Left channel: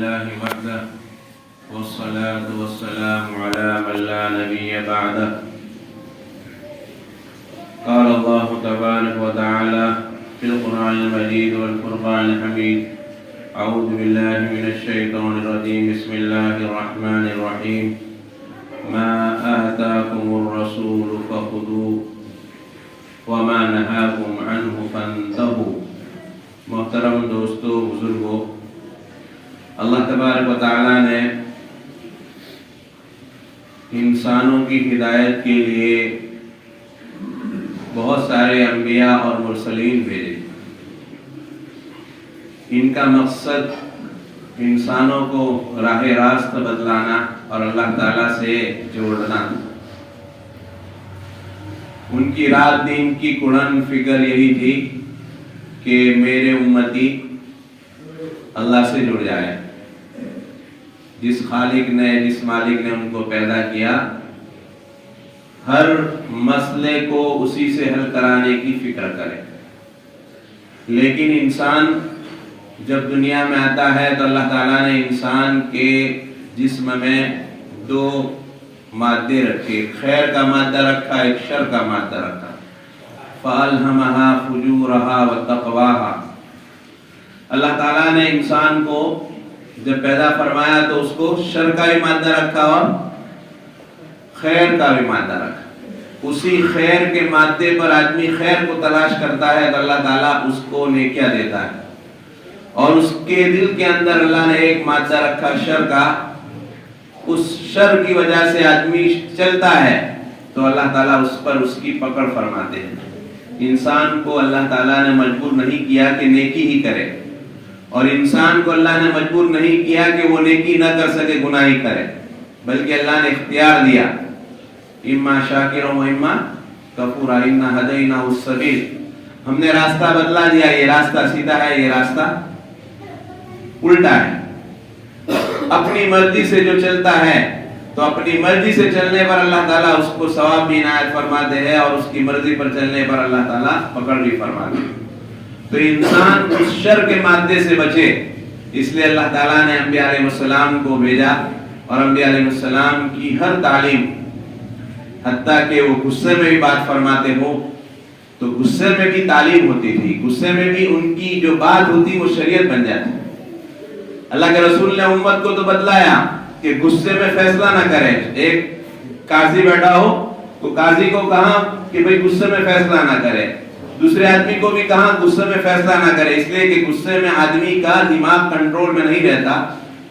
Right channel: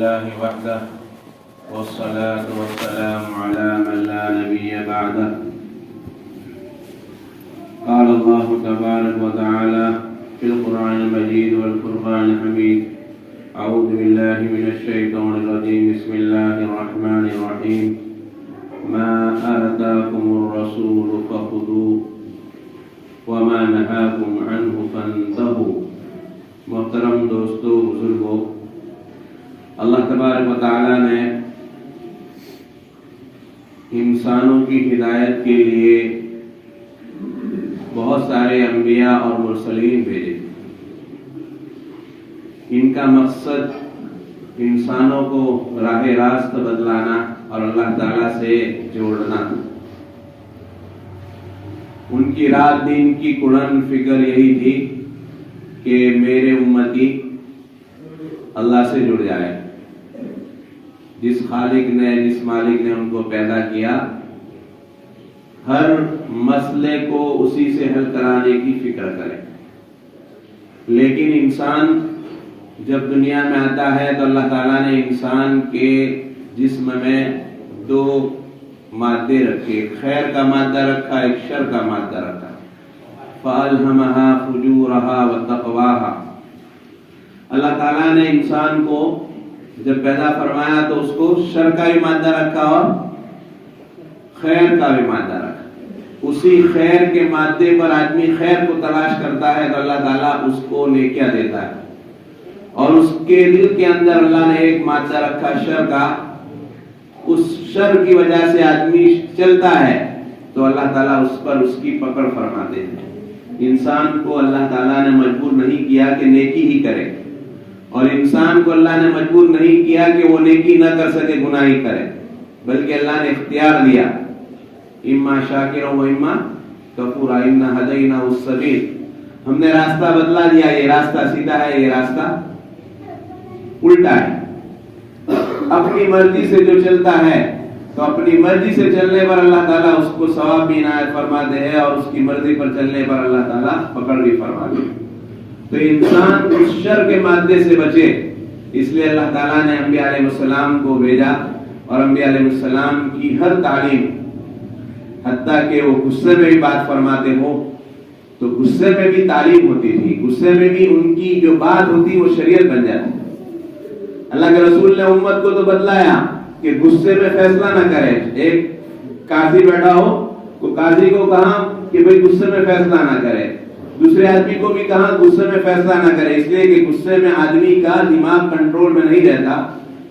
لله وحده والصلاة والسلام على من لا نبي بعده. قال الله تبارك وتعالى في القرآن المجيد والفرقان الحميد: أعوذ بالله من الشيطان الرجيم. بسم الله الرحمن الرحيم. ما آتاكم الرسول فخذوه وما نهاكم عنه فانتهوا. محترم دوستو، بزرگوں، اللہ تبارک و تعالیٰ نے انسانوں کی ہدایت کے لیے بہت سارے انبیاء اور مرسلین بھیجے. ان کا مقصد انسانوں کو راہ راست بدلانا اور اللہ تعالیٰ سے جوڑنا. ان کی رات دن کی کڑن فکر یہی تھی کہ میرے امتی اللہ سے جڑ جائے. جس خالق نے، جس مالک نے ان کو پیدا کیا، ہر مسئلے کو اسی سے حل کرانے کی فکر کرے. لیکن انسان جب دنیا میں آتا ہے تو اللہ تعالیٰ نے انسان کے جسم میں دو مادے رکھے. خیر کا مادہ رکھا، ایک شر کا مادہ رکھا. فَأَلْهَمَهَا فُجُورَهَا وَتَقْوَاهَا. اللہ تعالیٰ نے انسان کو جب پیدا فرمایا تو اس کو شر کا بھی مادہ رکھا اور خیر کا بھی مادہ رکھا. اسی خیر کے مادے پر آدمی خیر کو تلاش کرتا ہے تو اللہ تعالیٰ اس کو نیکیاں دیتا ہے. اور اس کے دل کے اندر اللہ نے ایک مادہ رکھا شر کا. اس شر کی وجہ سے آدمی چلتا ہے تو اللہ تعالیٰ اس پر اس کی پکڑ فرماتے ہیں. انسان کو اللہ تعالیٰ نے مجبور نہیں کیا کہ نیکی ہی کرے، اور انسان کو اللہ نے مجبور نہیں کیا کہ وہ نیکی نہ کر سکے، گناہ ہی کرے، بلکہ اللہ نے اختیار دیا. اما شاکرا و اما کفورا انا ہدیناہ السبیل. ہم نے راستہ بدلا دیا. یہ راستہ سیدھا ہے، یہ راستہ الٹا ہے. اپنی مرضی سے جو چلتا ہے تو اپنی مرضی سے چلنے پر اللہ تعالیٰ اس کو ثواب بھی عنایت فرماتے ہیں، اور اس کی مرضی پر چلنے پر اللہ تعالیٰ پکڑ بھی فرماتے ہیں. تو انسان اس شر کے مادے سے بچے، اس لیے اللہ تعالیٰ نے انبیاء علیہ السلام کو بھیجا. اور انبیاء علیہ السلام کی ہر تعلیم، حتیٰ کہ وہ غصے میں بھی بات فرماتے ہو تو غصے میں بھی تعلیم ہوتی تھی. غصے میں بھی ان کی جو بات ہوتی وہ شریعت بن جاتی. اللہ کے رسول نے امت کو تو بتلایا کہ غصے میں فیصلہ نہ کرے. ایک قاضی بیٹھا ہو، وہ قاضی کو کہا کہ بھئی غصے میں فیصلہ نہ کرے. دوسرے آدمی کو بھی کہا غصے میں فیصلہ نہ کرے، اس لیے کہ غصے میں آدمی کا دماغ کنٹرول میں نہیں رہتا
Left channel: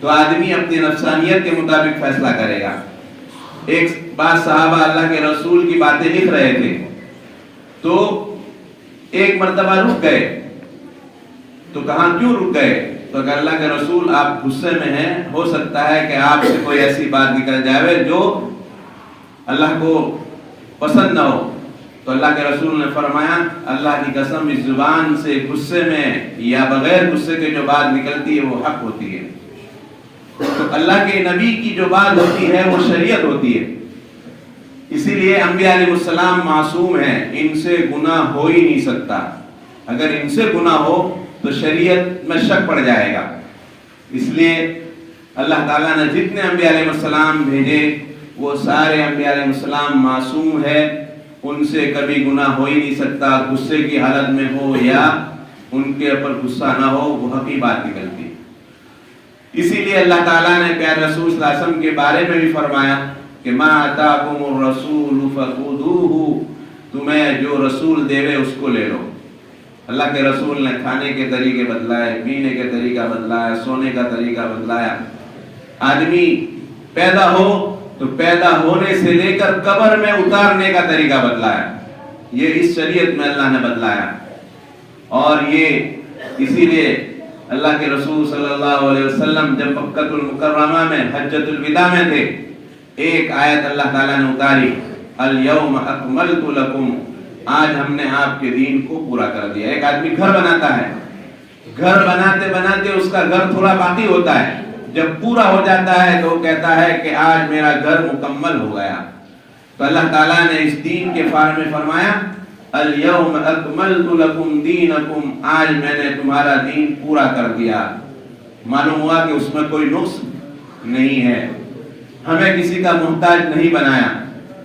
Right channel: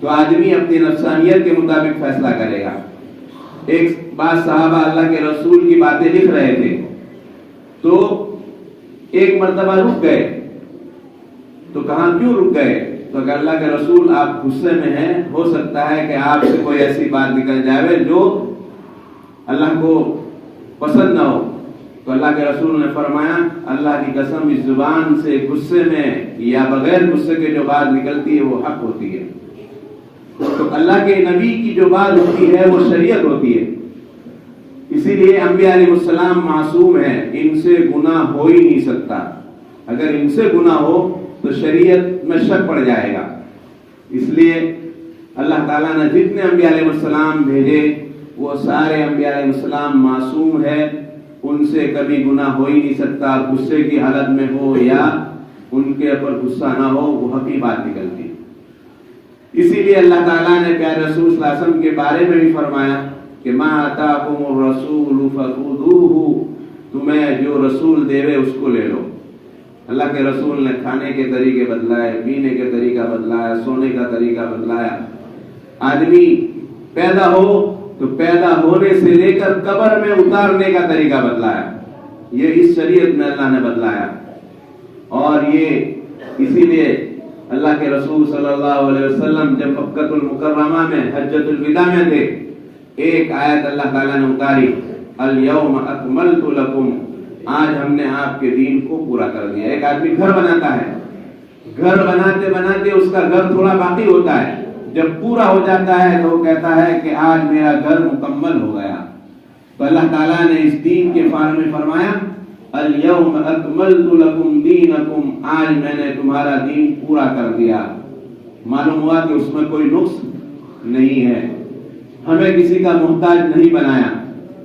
تو آدمی اپنی نفسانیت کے مطابق فیصلہ کرے گا. ایک بات صحابہ اللہ کے رسول کی باتیں لکھ رہے تھے تو ایک مرتبہ رک گئے. تو کہاں کیوں رک گئے؟ تو کہ اللہ کے رسول آپ غصے میں ہیں، ہو سکتا ہے کہ آپ سے کوئی ایسی بات نکل جائے جو اللہ کو پسند نہ ہو. تو اللہ کے رسول نے فرمایا اللہ کی قسم اس زبان سے غصے میں یا بغیر غصے کے جو بات نکلتی ہے وہ حق ہوتی ہے. تو اللہ کے نبی کی جو بات ہوتی ہے وہ شریعت ہوتی ہے. اسی لیے انبیاء علیہ السلام معصوم ہیں، ان سے گناہ ہو ہی نہیں سکتا. اگر ان سے گناہ ہو تو شریعت میں شک پڑ جائے گا. اس لیے اللہ تعالیٰ نے جتنے انبیاء علیہ السلام بھیجے وہ سارے انبیاء علیہ السلام معصوم ہے. ان سے کبھی گناہ ہو ہی نہیں سکتا. غصے کی حالت میں ہو یا ان کے اوپر غصہ نہ ہو، وہ حقی بات نکلتی. اسی لیے اللہ تعالیٰ نے پیارے رسول صلی اللہ علیہ وسلم کے بارے میں بھی فرمایا کہ ما آتاکم الرسول فخذوہ. تمہیں جو رسول دے اس کو لے لو. اللہ کے رسول نے کھانے کے طریقے بدلائے، پینے کے طریقہ بدلایا، سونے کا طریقہ بدلایا. آدمی پیدا ہو تو پیدا ہونے سے لے کر قبر میں اتارنے کا طریقہ بدلایا. یہ اس شریعت میں اللہ نے بدلایا. اور یہ اسی لیے اللہ کے رسول صلی اللہ علیہ وسلم جب مکہ المکرمہ میں حجۃ الوداع میں تھے، ایک آیت اللہ تعالیٰ نے اتاری: الیوم اکملت لکم. آج ہم نے آپ کے دین کو پورا کر دیا. ایک آدمی گھر بناتا ہے، گھر بناتے بناتے اس کا گھر تھوڑا باقی ہوتا ہے. جب پورا ہو جاتا ہے تو وہ کہتا ہے کہ آج میرا گھر مکمل ہو گیا. تو اللہ تعالیٰ نے اس دین کے بارے میں فرمایا الیوم اکملت لکم دینکم. آج میں نے تمہارا دین پورا کر دیا. معلوم ہوا کہ اس میں کوئی نقص نہیں ہے. ہمیں کسی کا محتاج نہیں بنایا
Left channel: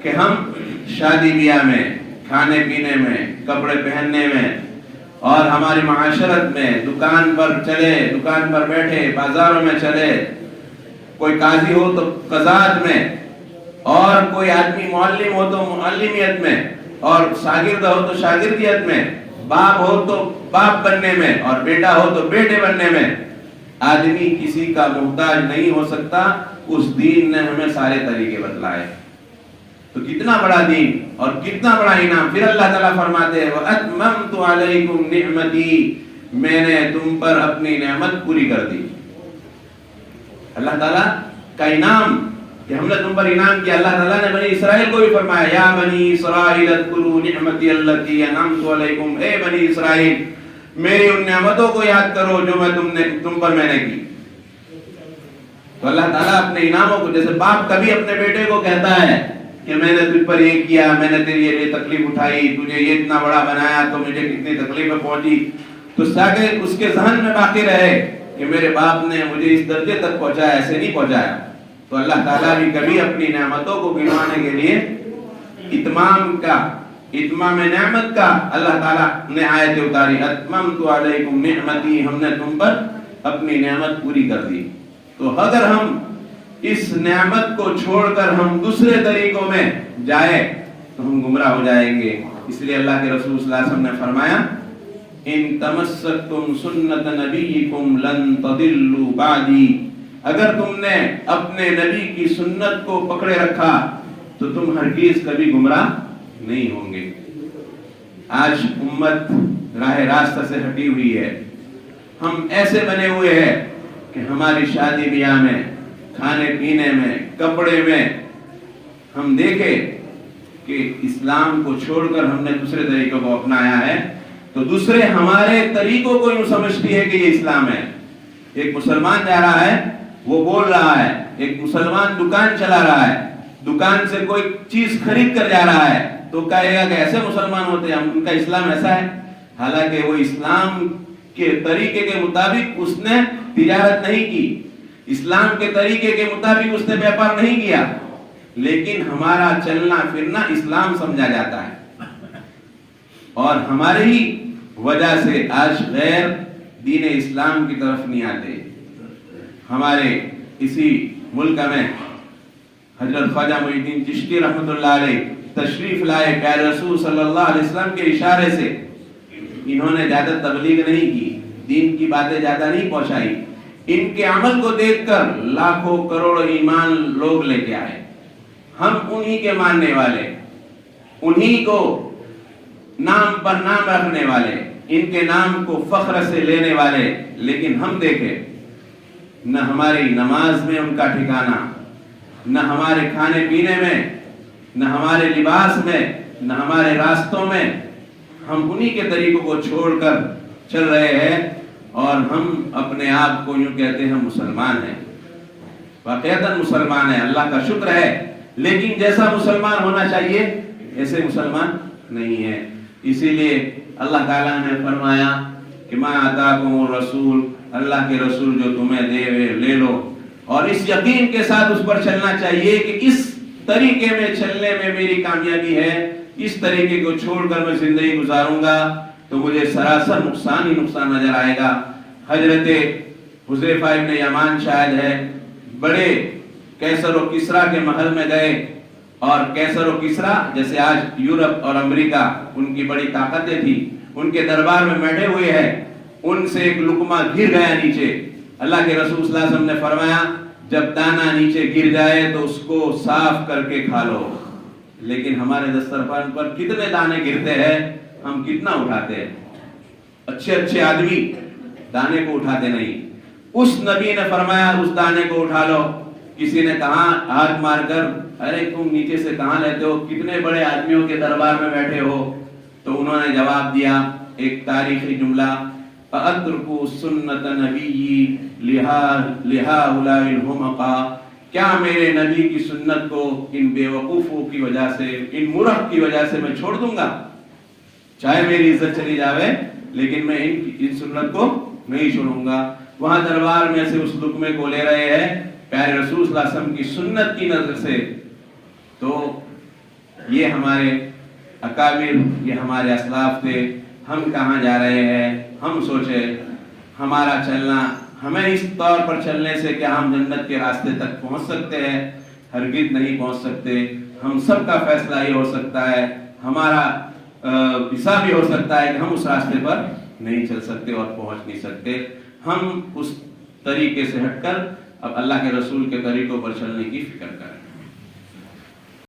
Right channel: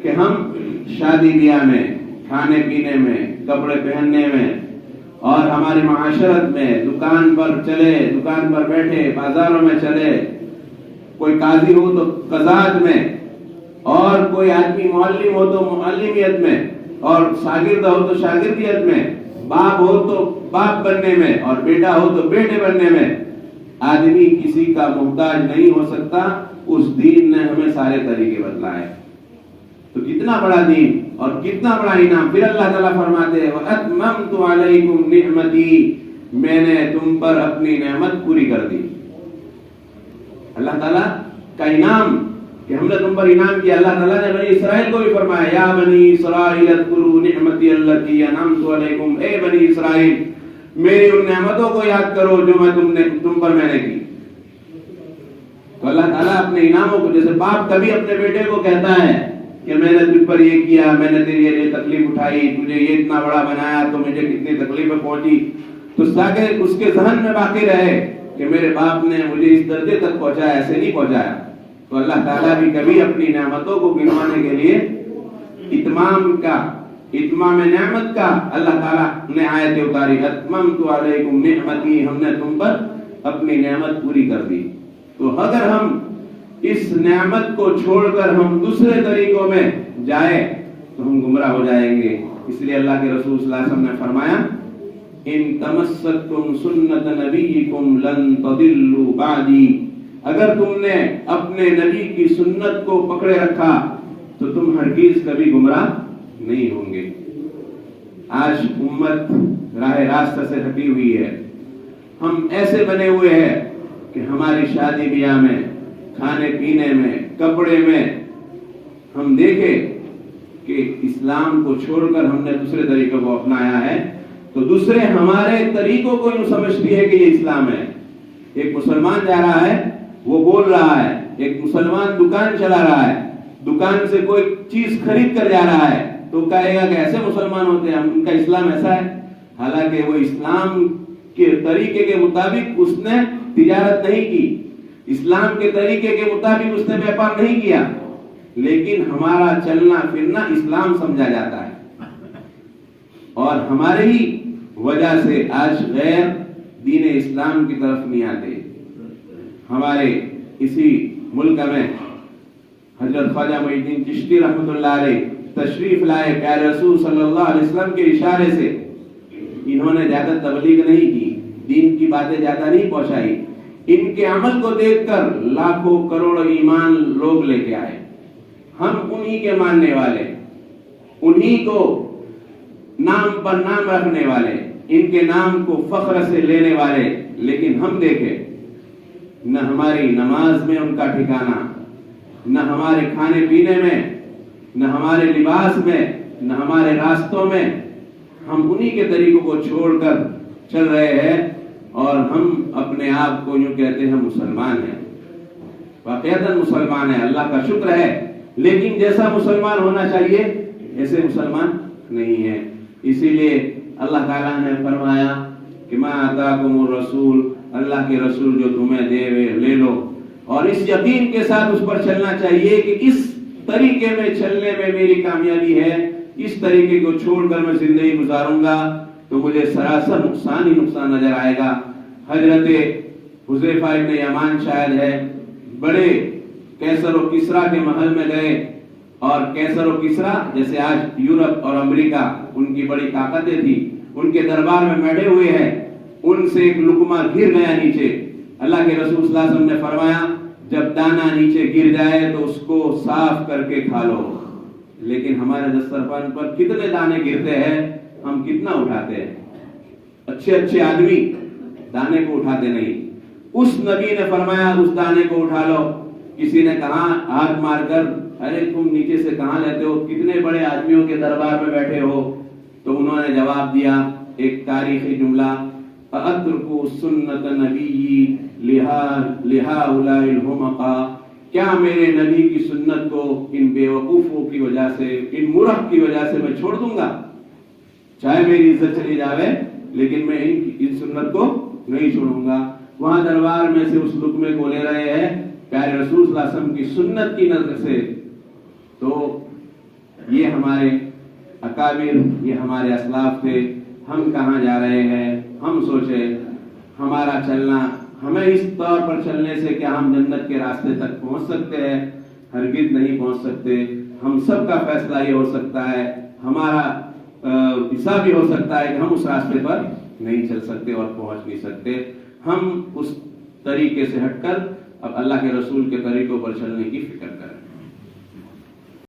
کہ ہم شادی بیاہ میں، کھانے پینے میں، کپڑے پہننے میں اور ہماری معاشرت میں، دکان پر چلے، دکان پر بیٹھے، بازاروں میں چلے، کوئی قاضی ہو تو قضات میں، اور کوئی آدمی معلم ہو تو معلمیت میں، اور شاگرد ہو تو شاگردیت میں، باپ ہو تو باپ بننے میں، اور بیٹا ہو تو بیٹے بننے میں. آدمی کسی کا محتاج نہیں ہو سکتا. اس دین نے ہمیں سارے طریقے بتلائے. تو کتنا بڑا دین اور کتنا بڑا انعام. پھر اللہ تعالیٰ فرماتے ہیں وَأَتْمَمْتُ عَلَيْكُمْ نِعْمَتِي، میں نے تم پر اپنی نعمت پوری کر دی. اللہ تعالیٰ کا انعام کہ ہم نے تم پر انعام کیا. اللہ تعالیٰ نے بنی اسرائیل کو بھی فرمایا یا بنی اسرائیل اذکروا نعمتی التی انعمت علیکم، اے بنی اسرائیل میری ان نعمتوں کو یاد کرو جو میں تم پر میں نے کی. تو اللہ تعالیٰ اپنے انعاموں کو، جیسے باپ کبھی اپنے بیٹے کو کہتا ہے کہ میں نے تجھ پر یہ کیا، میں نے تیری یہ تکلیف اٹھائی، تجھے یہ اتنا بڑا بنایا تو مجھے کتنی تکلیفیں پہنچی، تو تاکہ اس کے ذہن میں باقی رہے کہ میرے باپ نے مجھے اس درجے تک پہنچایا، ایسے نہیں پہنچایا. تو اللہ تعالیٰ بھی کبھی اپنی نعمتوں کو گنوانے کے لیے اتمام نعمت کا اللہ تعالیٰ نے آیت اتاری اتممت علیکم نعمتی، ہم نے تم پر اپنی نعمت پوری کر دی. تو اگر ہم اس نعمت کو چھوڑ کر ہم دوسرے طریقوں میں جائے تو ہم گمراہ ہو جائیں گے. اس لیے اللہ کے رسول صلی اللہ علیہ وسلم نے فرمایا ان تمسکتم سنت نبیکم لن تضلوا بعدی، اگر تم نے اپنے نبی کی سنت کو پکڑے رکھا تو تم ہرگز کبھی گمراہ نہیں ہوں گے. آج امت راہ راستہ سے ہٹی ہوئی ہے. ہم ایسے بنے ہوئے ہیں کہ ہماری شادی بیاہ میں، کھانے پینے میں، کپڑے میں ہم دیکھیں کہ اسلام کو چھوڑ کر ہم نے دوسرے طریقوں کو اپنایا ہے. تو دوسرے ہمارے طریقوں کو یوں سمجھتی ہے کہ یہ اسلام ہے. ایک مسلمان جا رہا ہے، وہ بول رہا ہے. ایک مسلمان دکان چلا رہا ہے، دکان سے کوئی چیز خرید کر جا رہا ہے تو کہے گا کہ ایسے مسلمان ہوتے ہیں، ان کا اسلام ایسا ہے. حالانکہ وہ اسلام کے طریقے کے مطابق اس نے تجارت نہیں کی، اسلام کے طریقے کے مطابق اس نے بیپار نہیں کیا، لیکن ہمارا چلنا پھرنا اسلام سمجھا جاتا ہے. اور ہماری ہی وجہ سے آج غیر دین اسلام کی طرف نہیں آتے. ہمارے اسی ملک میں حضرت خواجہ معین الدین چشتی رحمۃ اللہ علیہ تشریف لائے. پیارے رسول صلی اللہ علیہ وسلم کے اشارے سے انہوں نے زیادہ تبلیغ نہیں کی، دین کی باتیں زیادہ نہیں پہنچائی. ان کے عمل کو دیکھ کر لاکھوں کروڑوں ایمان لوگ لے کے آئے. ہم انہی کے ماننے والے، انہی کو نام پر نام رکھنے والے، ان کے نام کو فخر سے لینے والے. لیکن ہم دیکھیں نہ ہماری نماز میں ان کا ٹھکانہ، نہ ہمارے کھانے پینے میں، نہ ہمارے لباس میں، نہ ہمارے راستوں میں. ہم انہی کے طریقوں کو چھوڑ کر چل رہے ہیں اور ہم اپنے آپ کو یوں کہتے ہیں مسلمان ہیں. واقعتاً مسلمان ہیں، اللہ کا شکر ہے، لیکن جیسا مسلمان ہونا چاہیے ایسے مسلمان نہیں ہے. اسی لیے اللہ تعالیٰ نے فرمایا کہ ما آتاکم الرسول، اللہ کے رسول جو تمہیں دے لے لو، اور اس یقین کے ساتھ اس پر چلنا چاہیے کہ اس طریقے میں چلنے میں میری کامیابی ہے. اس طریقے کو چھوڑ کر میں زندگی گزاروں گا تو مجھے سراسر نقصان ہی نقصان نظر آئے گا. حضرت حذیفہ ابن یمان شاہد ہے، بڑے کیسر و کسریٰ کے محل میں گئے، اور کیسر و کسریٰ جیسے آج یورپ اور امریکہ ان کی بڑی طاقتیں تھی، ان کے دربار میں بیٹھے ہوئے ہیں. ان سے ایک لقمہ گر گیا نیچے. اللہ کے رسول صلی اللہ علیہ وسلم نے فرمایا جب دانہ نیچے گر جائے تو اس کو صاف کر کے کھا لو. لیکن ہمارے دسترخوان پر کتنے دانے گرتے ہیں، ہم کتنا اٹھاتے ہیں. اچھے اچھے آدمی دانے کو اٹھاتے نہیں. اس نبی نے فرمایا اس دانے کو اٹھا لو. کسی نے کہا ہاتھ مار کر ارے تم نیچے سے کہاں لیتے ہو، کتنے بڑے آدمیوں کے دربار میں بیٹھے ہو. تو انہوں نے جواب دیا ایک تاریخی جملہ اترکوا سنت نبی لہؤلاء الحمقاء، کیا میرے نبی کی سنت کو ان بے وقوفوں کی وجہ سے، ان مرخ کی وجہ سے میں چھوڑ دوں گا؟ چاہے میری عزت چلی جاوے لیکن میں ان سنت کو نہیں چھوڑوں گا. وہاں دربار میں سے اس لقمے کو لے رہے ہیں پیارے رسول صلی اللہ علیہ وسلم کی سنت کی نظر سے، تو یہ ہمارے اکابر، یہ ہمارے اسلاف تھے. ہم کہاں جا رہے ہیں؟ ہم سوچے ہمارا چلنا، ہمیں اس طور پر چلنے سے کہ ہم جنت کے راستے تک پہنچ سکتے ہیں، ہرگز نہیں پہنچ سکتے. ہم سب کا فیصلہ یہ ہو سکتا ہے، ہمارا حساب بھی ہو سکتا ہے کہ ہم اس راستے پر نہیں چل سکتے اور پہنچ نہیں سکتے. ہم اس طریقے سے ہٹ کر اب اللہ کے رسول کے طریقوں پر چلنے کی فکر کریں.